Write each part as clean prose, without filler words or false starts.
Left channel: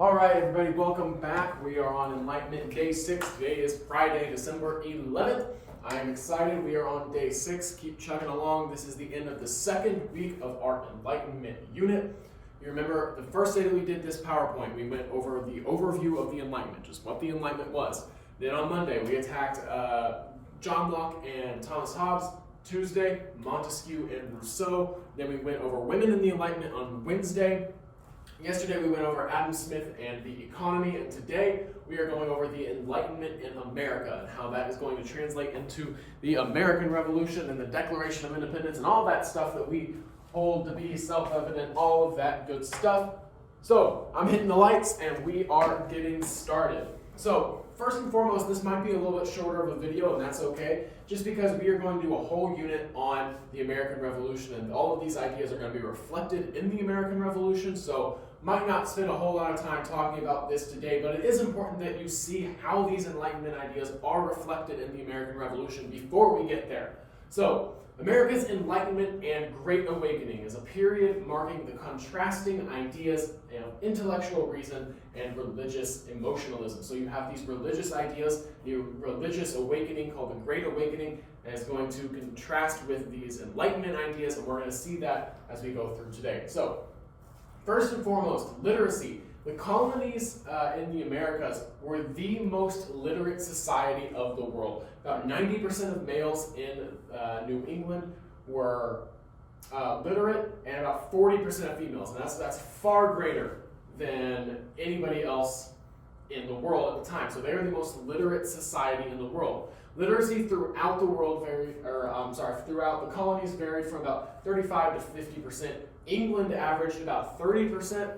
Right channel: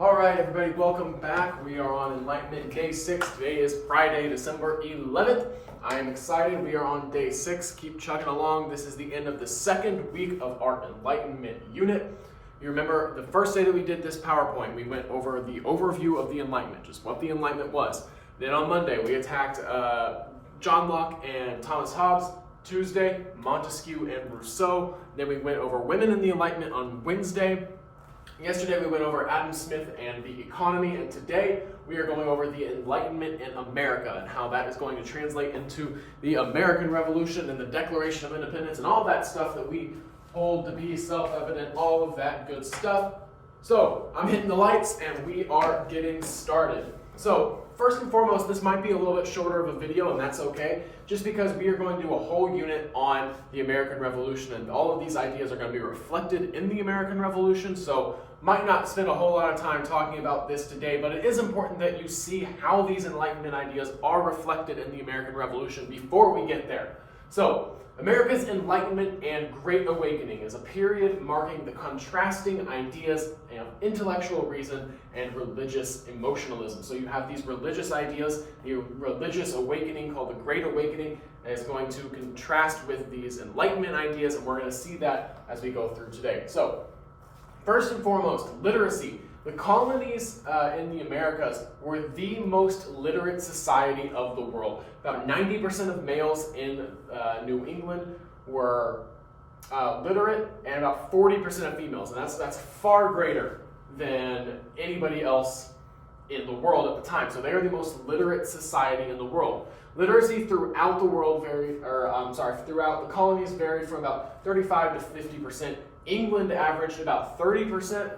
All right, everybody, welcome back. We are on Enlightenment Day 6. Today is Friday, December 11th. I am excited. We are on Day 6. Keep chugging along. This is the end of the second week of our Enlightenment unit. You remember the first day that we did this PowerPoint, we went over the overview of the Enlightenment, just what the Enlightenment was. Then on Monday, we attacked John Locke and Thomas Hobbes. Tuesday, Montesquieu and Rousseau. Then we went over women in the Enlightenment on Wednesday. Yesterday we went over Adam Smith and the economy, and today we are going over the Enlightenment in America and how that is going to translate into the American Revolution and the Declaration of Independence and all that stuff that we hold to be self-evident, all of that good stuff. So I'm hitting the lights and we are getting started. So first and foremost, this might be a little bit shorter of a video, and that's okay, just because we are going to do a whole unit on the American Revolution, and all of these ideas are going to be reflected in the American Revolution, so might not spend a whole lot of time talking about this today, but it is important that you see how these Enlightenment ideas are reflected in the American Revolution before we get there. So, America's Enlightenment and Great Awakening is a period marking the contrasting ideas of intellectual reason and religious emotionalism. So you have these religious ideas, the religious awakening called the Great Awakening, and is going to contrast with these Enlightenment ideas, and we're going to see that as we go through today. So, first and foremost, literacy. The colonies in the Americas were the most literate society of the world. About 90% of males in New England were literate, and about 40% of females. And that's far greater than anybody else in the world at the time. So they are the most literate society in the world. Literacy throughout the world throughout the colonies varied from about 35 to 50%. England averaged about 30%.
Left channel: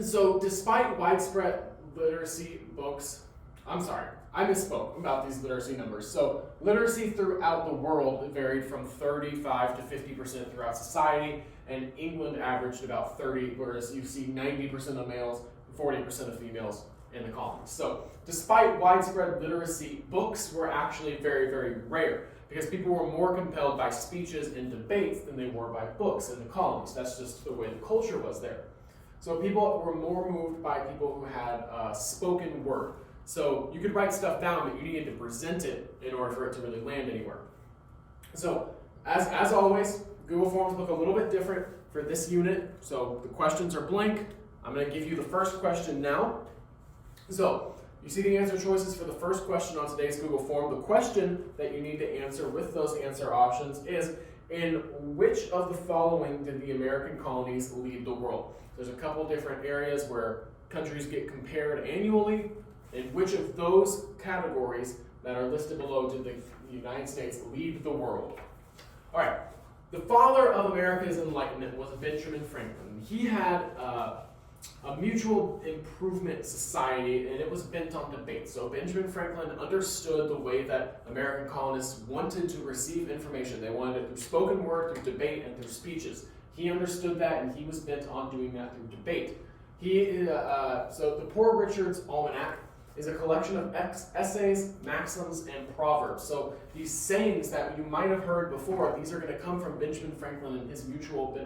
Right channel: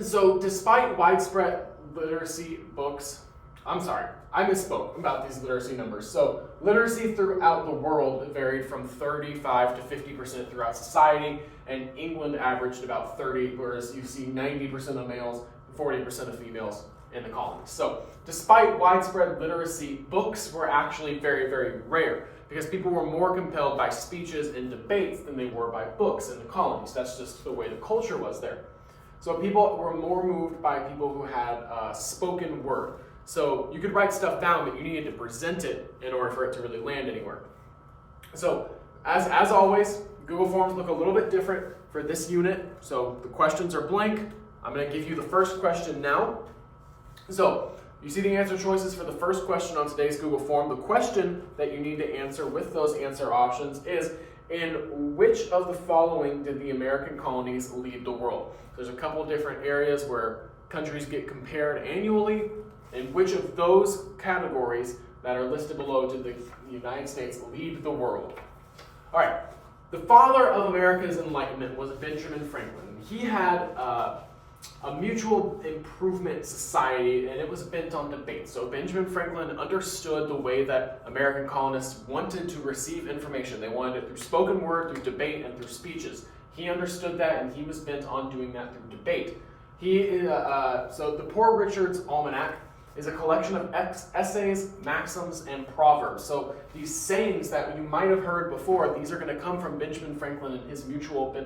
So despite widespread literacy books, I misspoke about these literacy numbers. So literacy throughout the world varied from 35 to 50% throughout society, and England averaged about 30, whereas you see 90% of males, 40% of females in the colonies. So despite widespread literacy, books were actually very, very rare, because people were more compelled by speeches and debates than they were by books in the colonies. That's just the way the culture was there. So people were more moved by people who had spoken word. So you could write stuff down, but you needed to present it in order for it to really land anywhere. So as always, Google Forms look a little bit different for this unit. So the questions are blank. I'm going to give you the first question now. So you see the answer choices for the first question on today's Google Form. The question that you need to answer with those answer options is, in which of the following did the American colonies lead the world? There's a couple different areas where countries get compared annually. In which of those categories that are listed below did the United States lead the world? All right, the father of America's Enlightenment was Benjamin Franklin. He had a mutual improvement society, and it was bent on debate. So Benjamin Franklin understood the way that American colonists wanted to receive information. They wanted it through spoken word, through debate, and through speeches. He understood that, and he was bent on doing that through debate. So the Poor Richard's Almanac is a collection of essays, maxims, and proverbs. So these sayings that you might have heard before, these are going to come from Benjamin Franklin and his mutual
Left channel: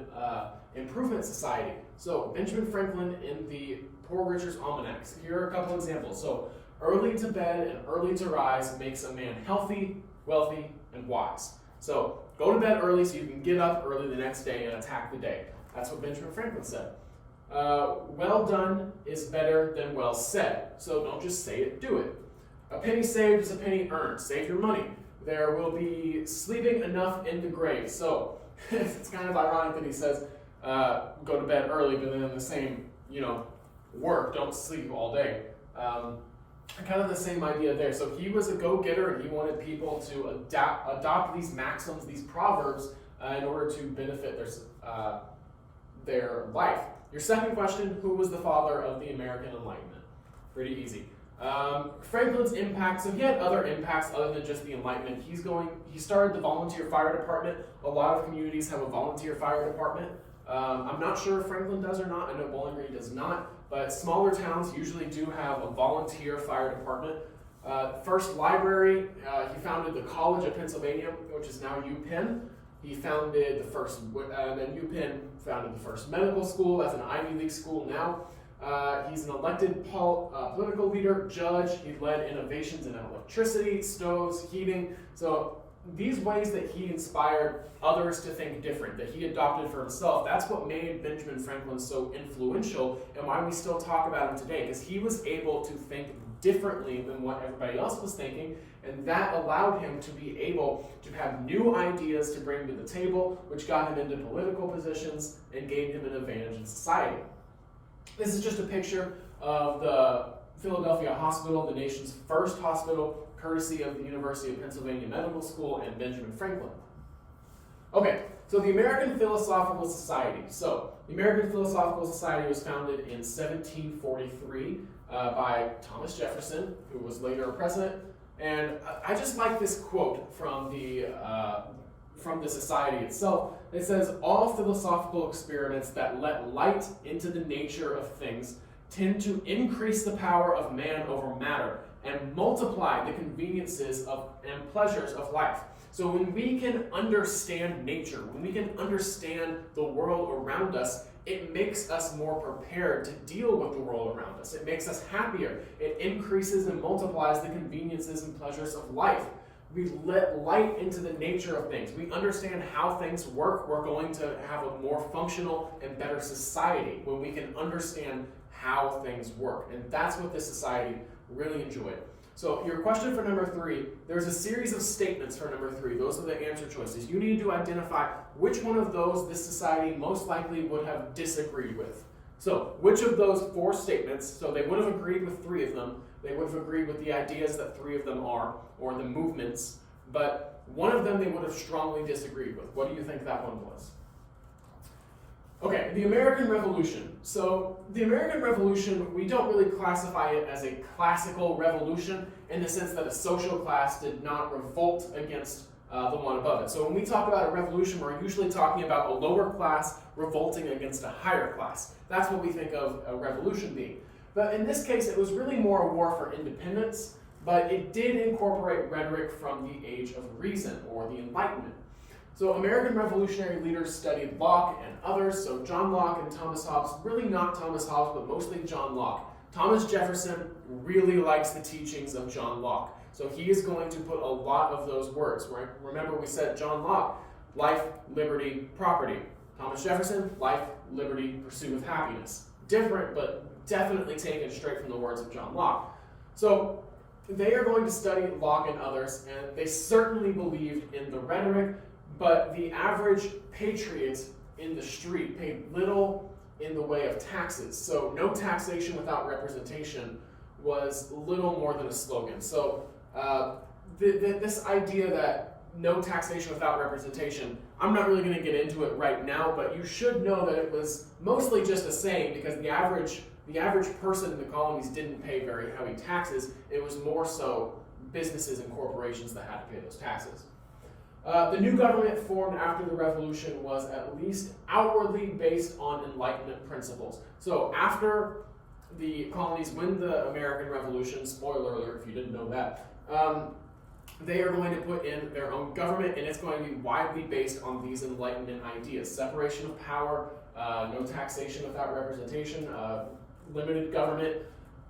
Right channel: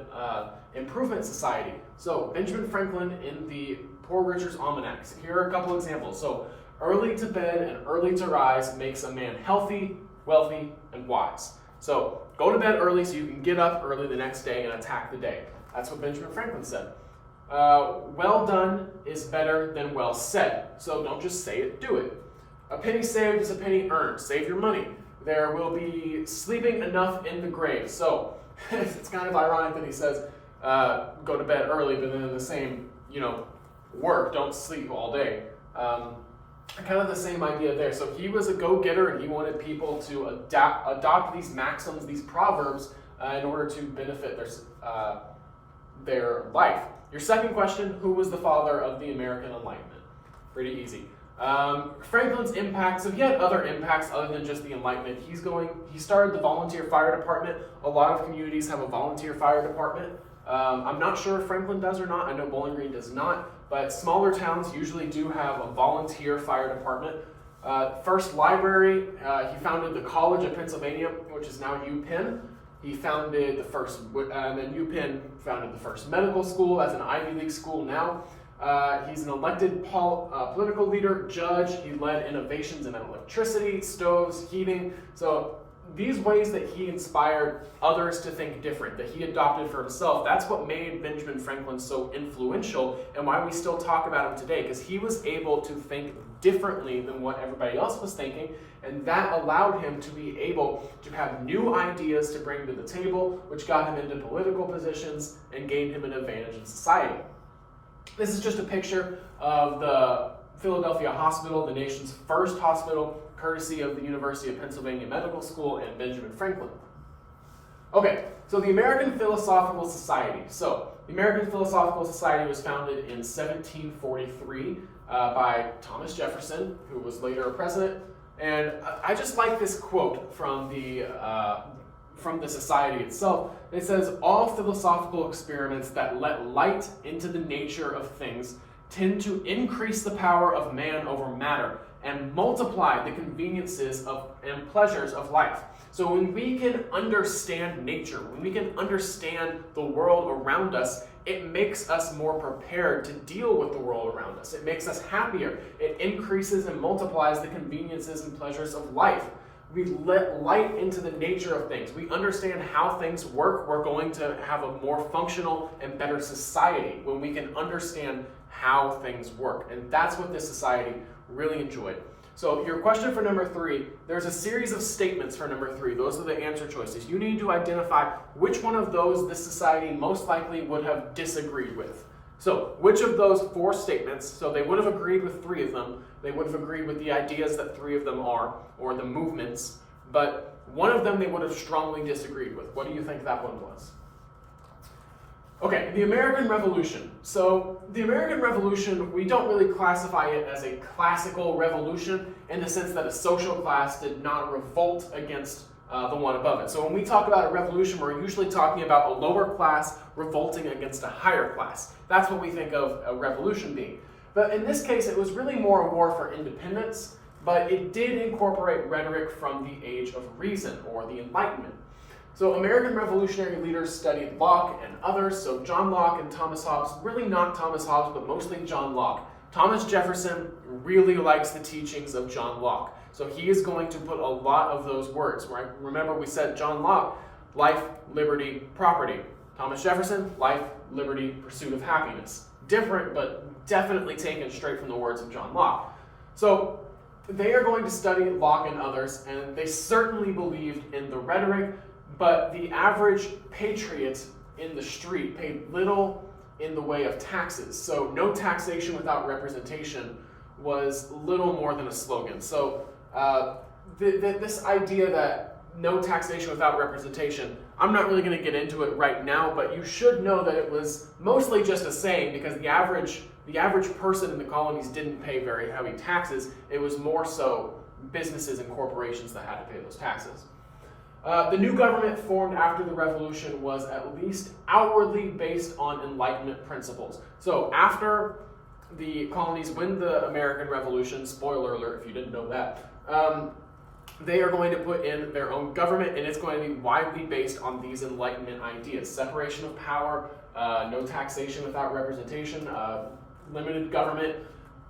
improvement society. So Benjamin Franklin in the Poor Richard's Almanacs. Here are a couple examples. So early to bed and early to rise makes a man healthy, wealthy, and wise. So go to bed early so you can get up early the next day and attack the day. That's what Benjamin Franklin said. Well done is better than well said. So don't just say it, do it. A penny saved is a penny earned. Save your money. There will be sleeping enough in the grave. So it's kind of ironic that he says go to bed early, but then in the same work, don't sleep all day. Kind of the same idea there. So he was a go-getter, and he wanted people to adopt these maxims, these proverbs, in order to benefit their life. Your second question, who was the father of the American Enlightenment? Pretty easy. Franklin's impacts, so he had other impacts other than just the Enlightenment. He started the volunteer fire department. A lot of communities have a volunteer fire department. I'm not sure if Franklin does or not. I know Bowling Green does not, but smaller towns usually do have a volunteer fire department. First library, he founded the College of Pennsylvania, which is now UPenn. He founded the first, and then UPenn founded the first medical school. That's an Ivy League school now. He's an elected political leader, judge. He led innovations in electricity, stoves, heating. So these ways that he inspired others to think different, that he adopted for himself, that's what made Benjamin Franklin so influential and why we still talk about him today, because he was able to think differently than what everybody else was thinking, and that allowed him to be able to have new ideas to bring to the table, which got him into political positions and gained him an advantage in society. This is just a picture of the Philadelphia Hospital, the nation's first hospital, courtesy of the University of Pennsylvania Medical School and Benjamin Franklin. Okay, so the American Philosophical Society. So the American Philosophical Society was founded in 1743 by Thomas Jefferson, who was later a president. And I just like this quote from the society itself. It says, "All philosophical experiments that let light into the nature of things tend to increase the power of man over matter and multiply the conveniences and pleasures of life." So when we can understand nature, when we can understand the world around us, it makes us more prepared to deal with the world around us. It makes us happier. It increases and multiplies the conveniences and pleasures of life. We let light into the nature of things. We understand how things work. We're going to have a more functional and better society when we can understand how things work. And that's what this society really enjoyed. So your question for number 3, there's a series of statements for number 3. Those are the answer choices. You need to identify which one of those this society most likely would have disagreed with. So which of those 4 statements, so they would have agreed with 3 of them, they would have agreed with the ideas that 3 of them are, or the movements, but one of them they would have strongly disagreed with. What do you think that one was? Okay, the American Revolution. So the American Revolution, we don't really classify it as a classical revolution in the sense that a social class did not revolt against the one above it. So when we talk about a revolution, we're usually talking about a lower class revolting against a higher class. That's what we think of a revolution being. But in this case, it was really more a war for independence, but it did incorporate rhetoric from the Age of Reason, or the Enlightenment. So American revolutionary leaders studied Locke and others, so John Locke and Thomas Hobbes, really not Thomas Hobbes, but mostly John Locke. Thomas Jefferson really likes the teachings of John Locke, so he is going to put a lot of those words, right? Remember we said John Locke, life, liberty, property. Thomas Jefferson, life, liberty, pursuit of happiness. Different, but definitely taken straight from the words of John Locke. So they are going to study Locke and others, and they certainly believed in the rhetoric, but the average patriot in the street paid little in the way of taxes. So no taxation without representation was little more than a slogan. So this idea that no taxation without representation, I'm not really going to get into it right now, but you should know that it was mostly just a saying, because the average person in the colonies didn't pay very heavy taxes. It was more so businesses and corporations that had to pay those taxes. The new government formed after the Revolution was at least outwardly based on Enlightenment principles. So after the colonies win the American Revolution, spoiler alert if you didn't know that, they are going to put in their own government, and it's going to be widely based on these Enlightenment ideas. Separation of power, no taxation without representation, limited government.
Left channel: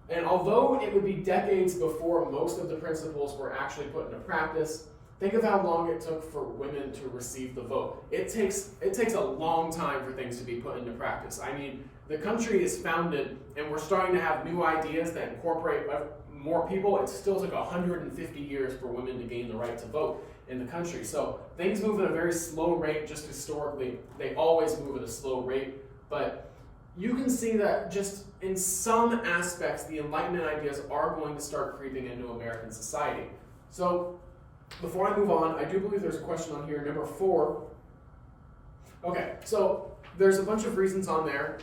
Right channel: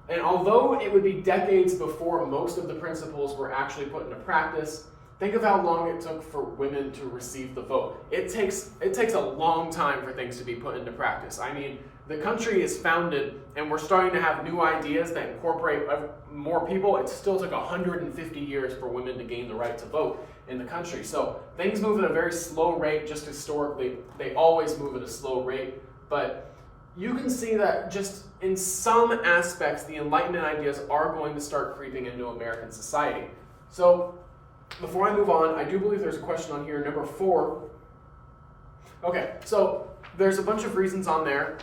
And although it would be decades before most of the principles were actually put into practice, think of how long it took for women to receive the vote. It takes a long time for things to be put into practice. I mean, the country is founded and we're starting to have new ideas that incorporate more people. It still took 150 years for women to gain the right to vote in the country. So things move at a very slow rate, just historically. They always move at a slow rate. But you can see that just in some aspects, the Enlightenment ideas are going to start creeping into American society. So before I move on, I do believe there's a question on here, number 4. Okay, so there's a bunch of reasons on there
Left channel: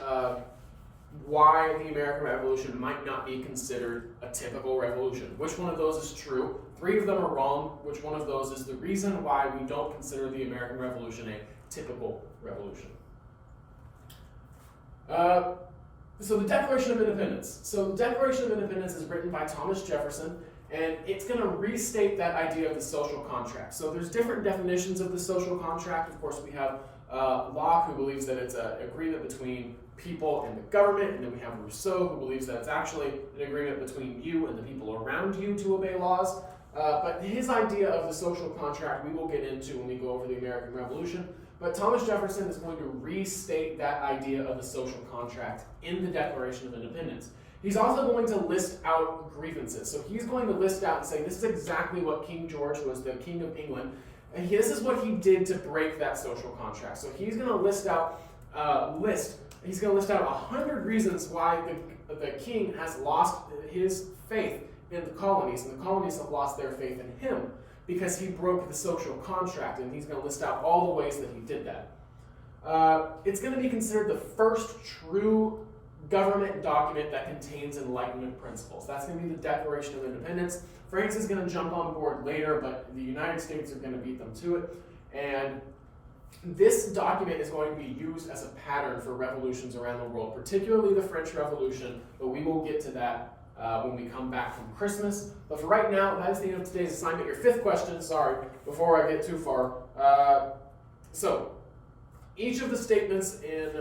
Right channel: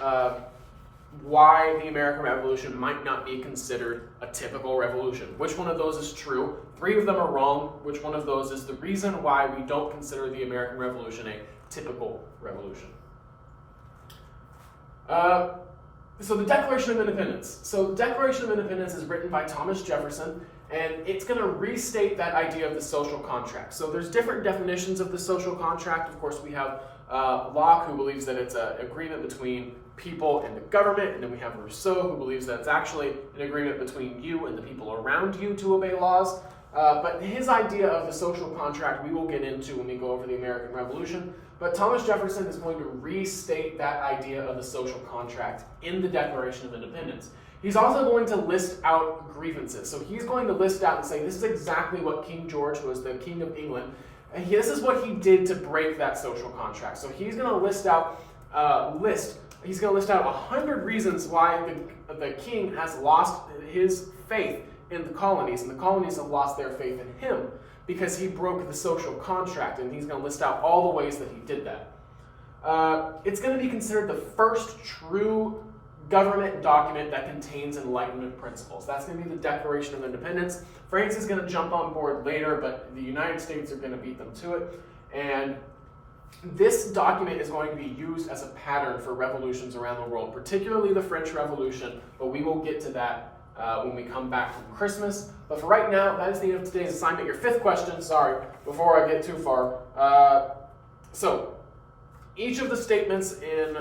why the American Revolution might not be considered a typical revolution. Which one of those is true? 3 of them are wrong. Which one of those is the reason why we don't consider the American Revolution a typical revolution? So the Declaration of Independence. So the Declaration of Independence is written by Thomas Jefferson, And it's going to restate that idea of the social contract. So there's different definitions of the social contract. Of course, we have Locke, who believes that it's an agreement between people and the government, and then we have Rousseau, who believes that it's actually an agreement between you and the people around you to obey laws. But his idea of the social contract we will get into when we go over the American Revolution. But Thomas Jefferson is going to restate that idea of the social contract in the Declaration of Independence. He's also going to list out grievances. So he's going to list out and say, this is exactly what King George, who was the King of England, and this is what he did to break that social contract. So he's going to list out he's going to list out 100 reasons why the king has lost his faith in the colonies, and the colonies have lost their faith in him because he broke the social contract, and he's going to list out all the ways that he did that. It's going to be considered the first true government document that contains Enlightenment principles. That's going to be the Declaration of Independence. France is going to jump on board later, but the United States are going to beat them to it. And this document is going to be used as a pattern for revolutions around the world, particularly the French Revolution, but we will get to that when we come back from Christmas. But for right now, that is the end of today's assignment. Your fifth question, sorry, before I get too far. So, each of the statements in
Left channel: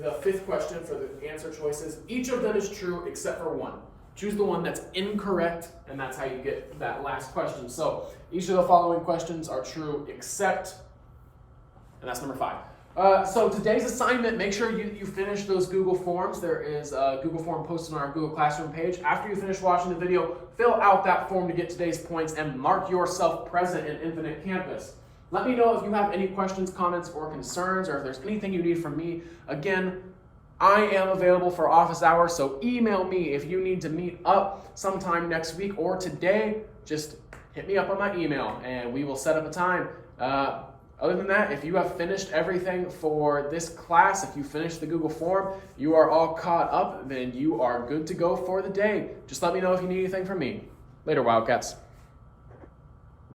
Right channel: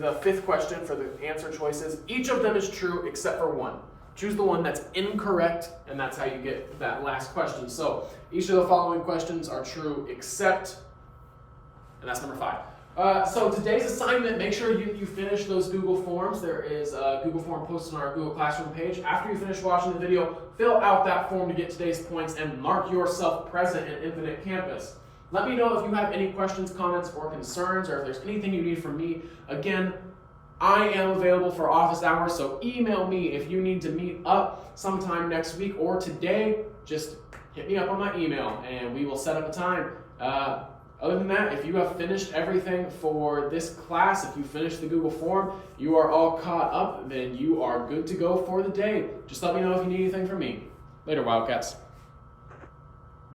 the fifth question for the answer choices, each of them is true except for one. Choose the one that's incorrect, and that's how you get that last question. So, each of the following questions are true except, and that's number 5. So today's assignment, make sure you finish those Google Forms. There is a Google Form posted on our Google Classroom page. After you finish watching the video, fill out that form to get today's points and mark yourself present in Infinite Campus. Let me know if you have any questions, comments, or concerns, or if there's anything you need from me. Again, I am available for office hours, so email me if you need to meet up sometime next week or today. Just hit me up on my email, and we will set up a time. Other than that, if you have finished everything for this class, if you finished the Google form, you are all caught up, then you are good to go for the day. Just let me know if you need anything from me. Later, Wildcats.